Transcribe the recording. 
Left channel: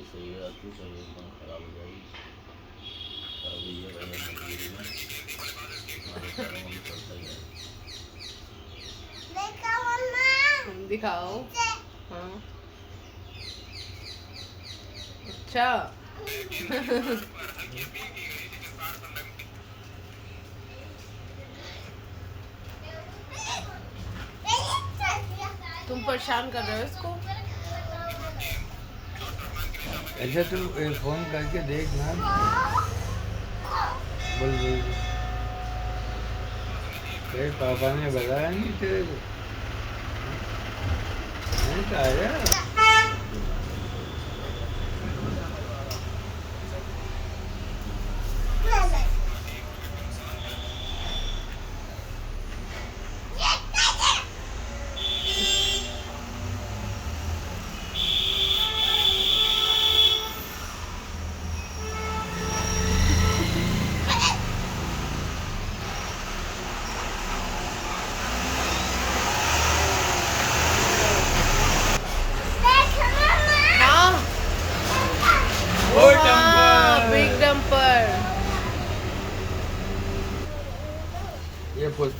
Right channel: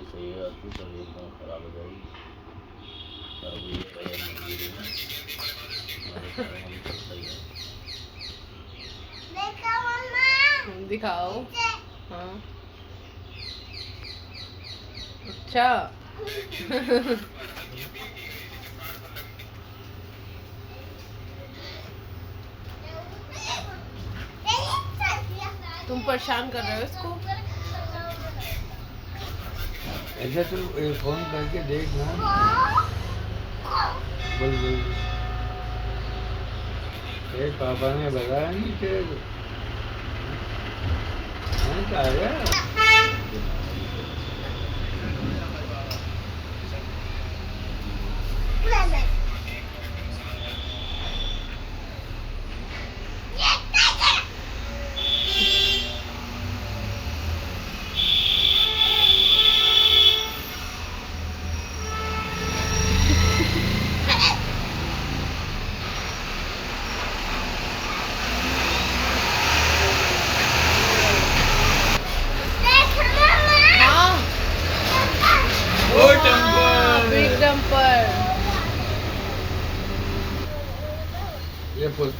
भी सही है, तू तबीयत एकदम खराब हो जाएगी। अब ये गया मजबूरी में, हमारे सारे मन चलता ही है। दिखाओ। हाँ अच्छा। तुम परेशान कर रहे हो इसको। ऐसा तुम फोन करके देख ना। बोल बोल तेरे पापा ने बताया नहीं तेरे को? नहीं तो आ गया। Big dumper. ये पूछते